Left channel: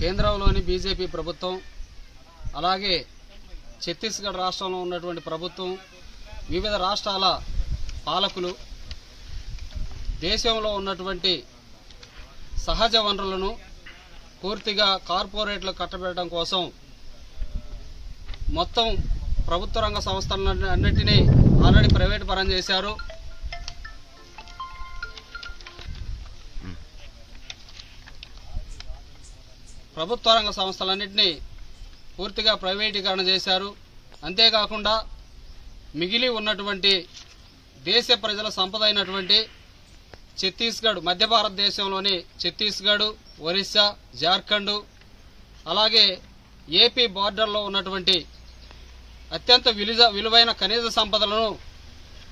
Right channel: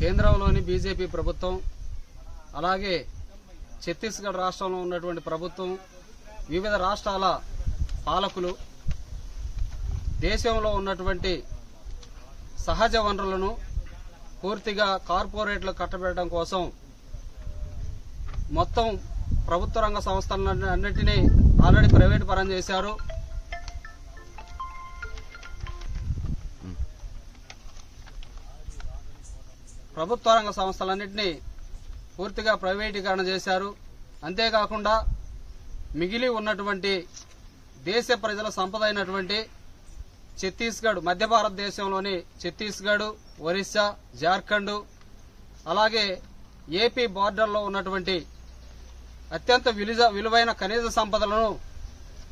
కేంద్రంలోని బీజేపీ ప్రభుత్వం, అలాగే ఛత్తీస్గఢ్ రాష్ట్రంలో ఉన్నటువంటి ప్రభుత్వం, వివిధ రాష్ట్రాల పాలకులు దేశంలో ఉన్నటువంటి సహజ వనరులను పూర్తిగా కార్పొరేట్లకు కట్టబెట్టడం కోసం మొత్తం ప్రభుత్వ రంగ సంస్థలన్నింటినీ ఆల్రెడీ ప్రైవేట్ పరం చేశారు. ప్రభుత్వ రంగ సంస్థలన్నింటినీ పూర్తిగా ప్రైవేటీకరణ చేశారు. అంతేకాకుండా మిగిలి ఉన్నటువంటి దేశ ప్రజల సంపద అయినటువంటి ఛత్తీస్గఢ్, మధ్య భారతదేశంలోని ఛత్తీస్గఢ్, ఒరిస్సా, జార్ఖండ్, అలాగే ఏపీ బార్డర్లో ఉన్నటువంటి అత్యంత విలువైన ఖనిజ సంపదలను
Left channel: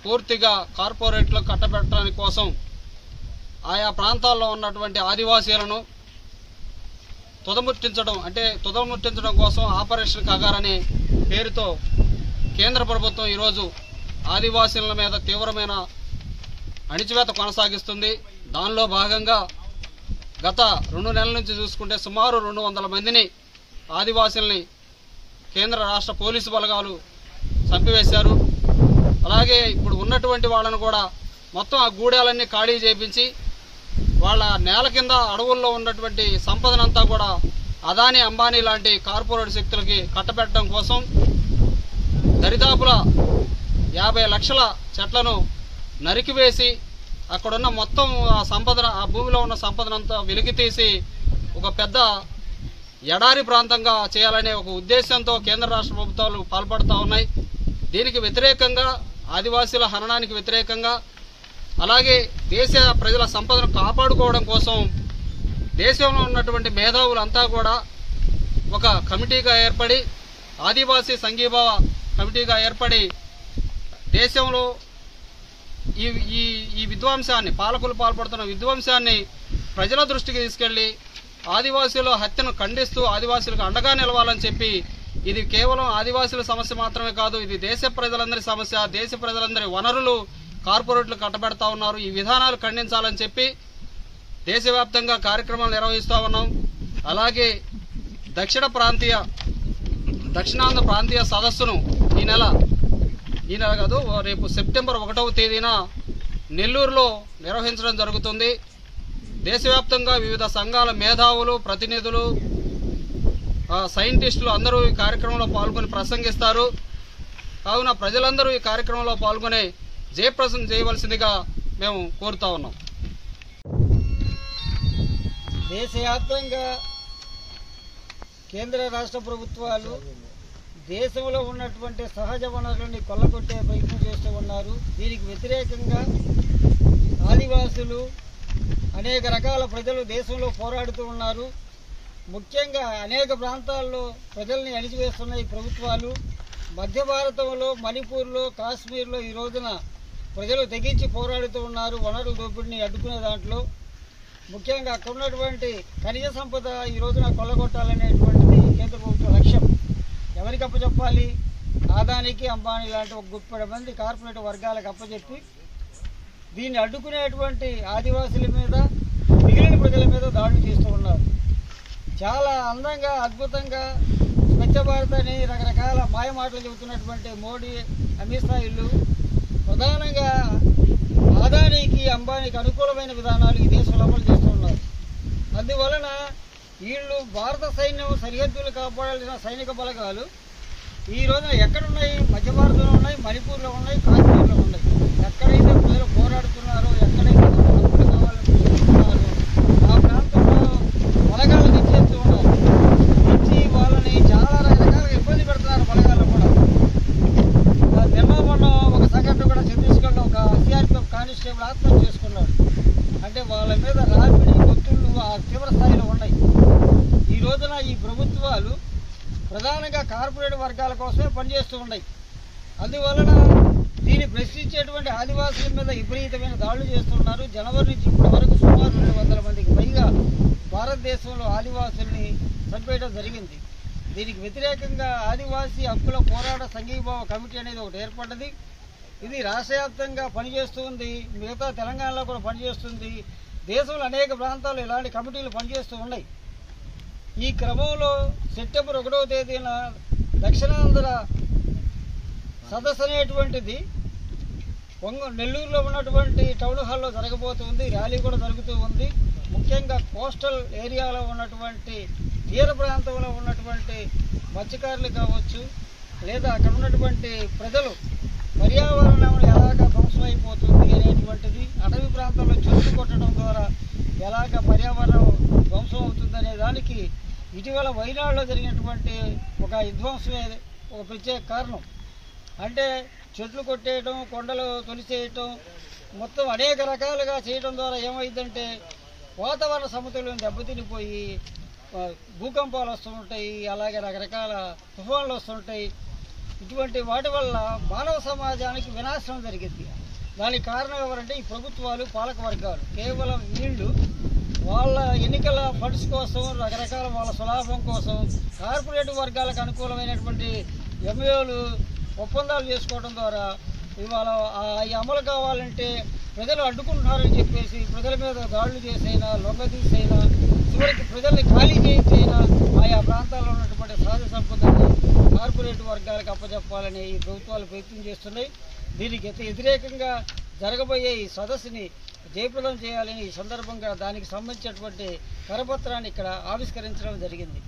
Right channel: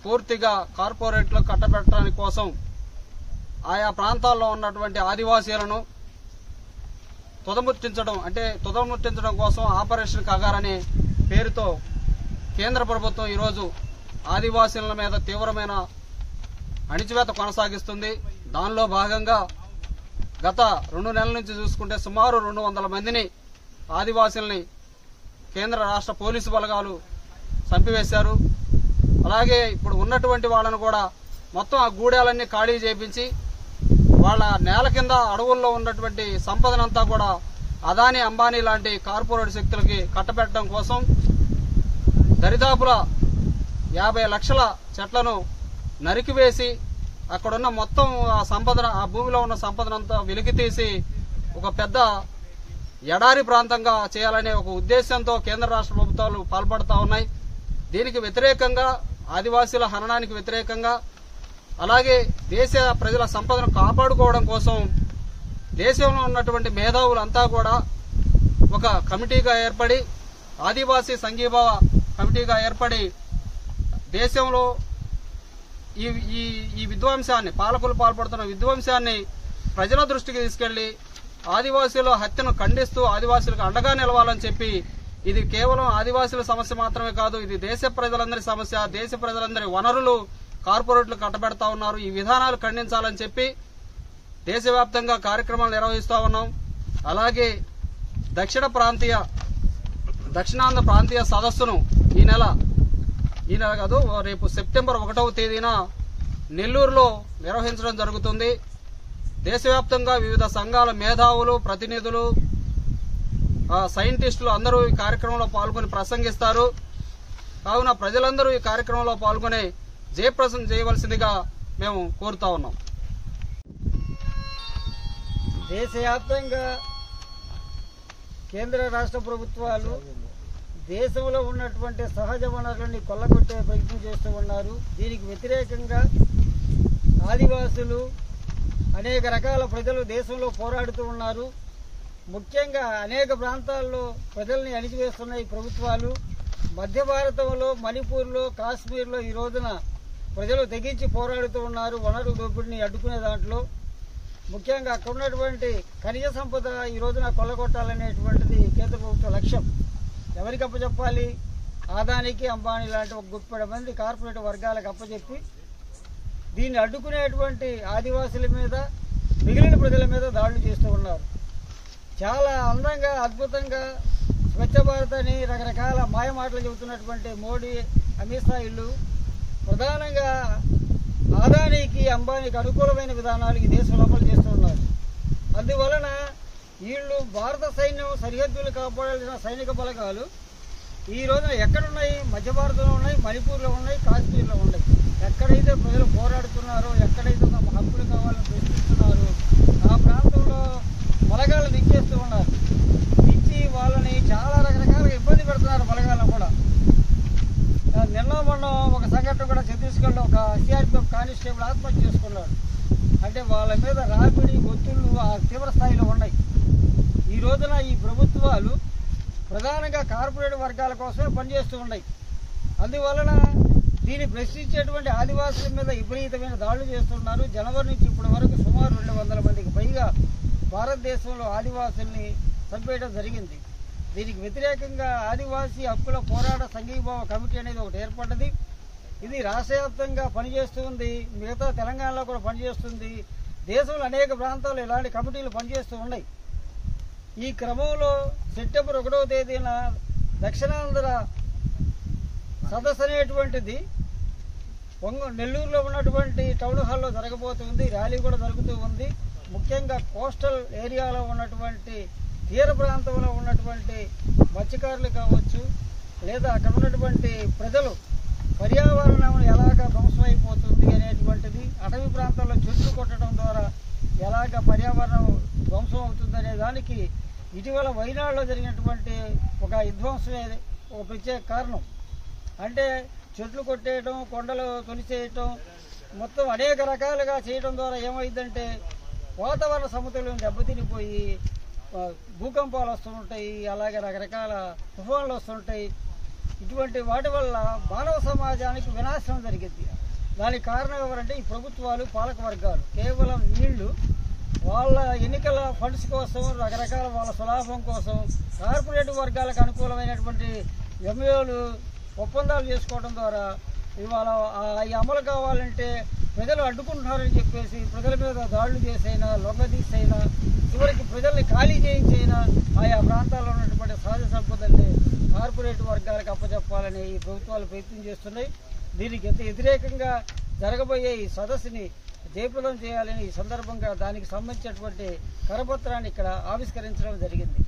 పూర్తిగా కార్పొరేట్లకు కట్టబెట్టడానికి కోసం ఆయా ప్రాంతాల్లో ఉన్నటువంటి ఆదివాసీలను తుదముట్టించడం కోసం ఆపరేషన్ కగార్ అనే పేరుతో కేంద్ర ప్రభుత్వం ఈరోజు ఆదివాసీల మీద తీవ్రమైన అణిచివేత కొనసాగిస్తుంది. దానిలో భాగంగా గత 2 నెలల నుంచి చూసుకుంటే సుమారు 200 మందిని ఆదివాసీలని కేంద్ర రాష్ట్ర పోలీసు బలగాలు చంపివేశారు. అలాగే ఇప్పుడు ఉన్నటువంటి వాళ్ళను కూడా మొత్తం ఆ గూడాలన్నీ ఖాళీ చేయించి వాళ్ళ నేల కింద అడవుల్లో ఉన్నటువంటి సంపదనంతా కూడా అదానీ, అంబానీ లాంటి కార్పొరేట్ శక్తులకి కట్టబెట్టడం కోసం దరిదాపుల 50 లక్షల చెట్లను నరికివేసి అక్కడున్న మొత్తం ఆ భూమిలో ఉన్న సంపదనంతా వెలికితీసి ఒక పెద్ద ఎడారి ప్రాంతంగా చేయాలనే ఒక ఉద్దేశంతో కేంద్ర రాష్ట్ర ప్రభుత్వాలు పాల్పడుతూ ఉన్నాయి. దీనికి వ్యతిరేకంగా, ఆదివాసీల హననానికి వ్యతిరేకంగా, అలాగే దేశ ప్రజల సంపదను కాపాడుకోవడం కోసం దేశంలో ఉన్నటువంటి మేధావులంతా కూడా ఒక కమిటీగా ఏర్పడి, ఆదివాసీ సంఘీభావ కమిటీగా ఏర్పడి దేశంలో ఈ విధ్వంసాన్ని, పాలకులు పాల్పడుతున్న విధ్వంసాన్ని ప్రజల దృష్టికి తీసుకెళ్లి ఆదివాసీల హత్యను ఖండిస్తూ ఆదివాసీలకు అండగా నిలవాలని చెప్పి, ఇది కేవలం ఆదివాసీల సమస్య మాత్రమే కాదు, ఇది దేశ ప్రజలందరి సమస్య. దేశ ప్రజలందరి వనరులు కార్పొరేట్లు కట్టబెడతా ఉన్నారు. ఈ విధానాలు ఖండించాలని చెప్పి దేశవ్యాప్తంగా కార్యక్రమాలు నిర్వహిస్తూ ఉన్నాం. అలాగే దక్షిణాంధ్ర ప్రాంతీయ సదస్సును ఈ నెల కాదు, రేపు సెప్టెంబర్ 1వ తేదీన నెల్లూరులో నిర్వహించడం జరుగుతుంది. దేశవ్యాప్తంగా వివిధ సంఘాల మేధావులు, ప్రతినిధులు, సైంటిస్టులు అందరూ ఈ కార్యక్రమంలో పాల్గొని ప్రసంగిస్తారు. కావున ప్రజలందరూ ఈ కార్యక్రమంలో పాల్గొని జయప్రదం చేయవలసిందిగా మేము కోరుతా ఉన్నాం. దేశవ్యాప్తంగా కేంద్ర రాష్ట్ర ప్రభుత్వాలు దేశంలో ఉన్నటువంటి సహజ వనరులని కొల్లగొట్టే ప్రయత్నం చేస్తూ ఉన్నారు. దీనికి వ్యతిరేకంగా ఆదివాసులు, అనేక రకాల ప్రజలు దేశంలో పోరాడుతూ ఉన్నారు. ముఖ్యంగా అనేక ప్రాంతాల్లో ప్రజల్ని అణిచివేస్తున్న ఈ ప్రభుత్వాలు మధ్య భారతంలో, మణిపూర్లో, కాశ్మీర్లో ఈ రోజున ప్రజలు తెగించి పోరాడుతూ ఉన్నారు. వనరుల దోపిడీని అడ్డుకునే దాంట్లో ముఖ్యంగా అక్కడ ఉన్నటువంటి ఖనిజ సంపద ఈ రోజున కొల్లగొట్టాలనేటువంటిది కేంద్ర ప్రభుత్వ లక్ష్యం. ఎవరికి అప్పచెప్పాలి? అదానికి, అంబానీ లాంటి ఒక గుప్పెడు మంది కార్పొరేట్ వర్గాలకు అప్పచెప్పి దీన్ని అడ్డుకునేటువంటి ఆదివాసుల మీద, మిగిలిన ప్రజల మీద దాడులు చేస్తూ ఉన్నారు. చాలా అందంగా, అద్భుతంగా స్వచ్ఛ భారత్ అని రకరకాల మాయమాటలు చెబుతున్నటువంటి మోడీ, అమిత్ షా ఇల్లు ప్రధానంగా అదానీకి, అంబానీకి అనుకూలమైన విధానాలు ఈ దేశంలో అమలు చేస్తూ ఉన్నారు. అందువలన వీళ్ళు భారత సైన్యం సరిహద్దులు కాపాడాల్సిన సైనిక బలగాలు ఈ రోజున ఎక్కడున్నాయి? మధ్య భారతంలో ఉన్నాయి, మణిపూర్లో ఉన్నాయి, కాశ్మీర్లో ఉన్నాయి. ఎక్కడైతే ప్రజలు పోరాడుతున్నారో, ఎక్కడైతే హక్కులు కావాలని ప్రశ్నిస్తున్నారో ఆ ప్రాంతంలో బలగాలు దించేస్తూ ఉన్నారు. దించి వాళ్ళని చాలా రకరకాలుగా ఇబ్బంది పెడుతున్నారు. బలగాలు కూడా మొన్న ఒక సంఘటన కూడా ఛత్తీస్గఢ్లో ఒక సిఆర్పిఎఫ్ కానిస్టేబుల్ ఆత్మహత్య చేసుకున్నాడు. అంటే వాళ్ళ మీద రాపిడి, ఒత్తిళ్లు ఆ తీవ్ర స్థాయిలో ఉన్నాయి. ఈ రోజున ఈ ప్రభుత్వాలు ప్రధానంగా కార్పొరేట్ వర్గాల కోసమే పనిచేస్తూ ఉన్నాయి. అందువలన దీన్ని ప్రశ్నించేటువంటి ఆదివాసుల మీద విపరీతమైన దాడులు చేస్తున్నారు. జనవరి నుంచి ఇప్పటి వరకు సుమారు 200 మందికి పైగా భారతదేశంలో ఆదివాసుల్ని చంపేయడం జరిగింది. దీనికి వ్యతిరేకంగా ఆదివాసీ హక్కుల పోరాట సంఘీభావ కమిటీ అనేది ఒకటి ఏర్పడ్డది. ఇది రాష్ట్ర వ్యాప్తంగా పనిచేస్తుంది, మిగతా తెలంగాణలో కూడా పనిచేస్తుంది. దేశంలో అనేక ప్రాంతాల్లో ఇలాంటి కమిటీలు పనిచేస్తూ ఉన్నాయి. ఈ క్రమంలో సెప్టెంబర్ 1వ తేదీన దక్షిణాంధ్ర సదస్సు అనేటువంటిది నెల్లూరులో ఉన్నటువంటి టౌన్ హాల్లో జరగబోతుంది. ర్యాలీ కూడా జరుగుతూ ఉంది. ముఖ్యంగా కోస్టల్ ఏరియాలో ఉన్నటువంటి తీర ప్రాంతంలో ఉన్నటువంటి మత్స్యకారులు కావచ్చు, లేదా అక్కడ ఉన్నటువంటి ప్రజలు పర్యావరణం ఎలాగ ధ్వంసమైపోతుంది అనేటువంటిది, అటవీ ప్రాంతాల్లో చెట్లు కొట్టడం ద్వారా ఎలాగ పర్యావరణం ధ్వంసం అవుతుందనే దానికి ఇటీవల వైనాడులో జరిగినటువంటి ఒక విధ్వంసమే ఒక ప్రత్యేక కారణం. అంటే చెట్లు కొట్టేయటం, కొండలు తొలిచేయటం, మొత్తం అనేక రకాలుగా చేయడం ద్వారా ఏమైందంటే వాతావరణ సమతుల్యం దెబ్బతినిపోయి భూకంపాలు వస్తుంటాయి, అలాగే రకరకాల తుఫాన్లు వస్తుంటాయి. ఇటువంటి వాటి వల్ల మానవ సమాజానికి వినాశనం జరిగింది. దానికి కారణం ఎవరంటే ఈ ప్రభుత్వాలు, పాలక వర్గాలు. కేవలం వీళ్ళు వాళ్ళ ఎన్నికల ఫండ్స్ కోసం, రకరకాల వాళ్ళ స్వలాభం కోసం కార్పొరేట్ వర్గాలకు అనుకూలమైనటువంటి ఎంఏలు ఒప్పందాలు చేసుకోవడం ద్వారా ఇవాళ ఈ అమలు కావాలంటే ప్రజలు అడ్డుకుంటున్నారని చెప్పేసి ప్రజల మీద దాడులు చేసైనా, లొంగదీసైనా, చివరికి ప్రజల్ని ఖాళీ చేయించైనా ఆయా ప్రాంతాల్లో ఉన్నటువంటి సహజ సంపదని కార్పొరేట్ వర్గాలకు అప్పచెప్పాలని ఈ ప్రభుత్వాలు ప్రయత్నం చేస్తున్నాయి. దీనికి వ్యతిరేకంగా జరగబోయే ఈ సదస్సుని జయప్రదం చేయాలని ఈ సందర్భంగా దానికి సంబంధించినటువంటి కరపత్రాన్ని ఇక్కడ ఆవిష్కరించడం జరిగింది.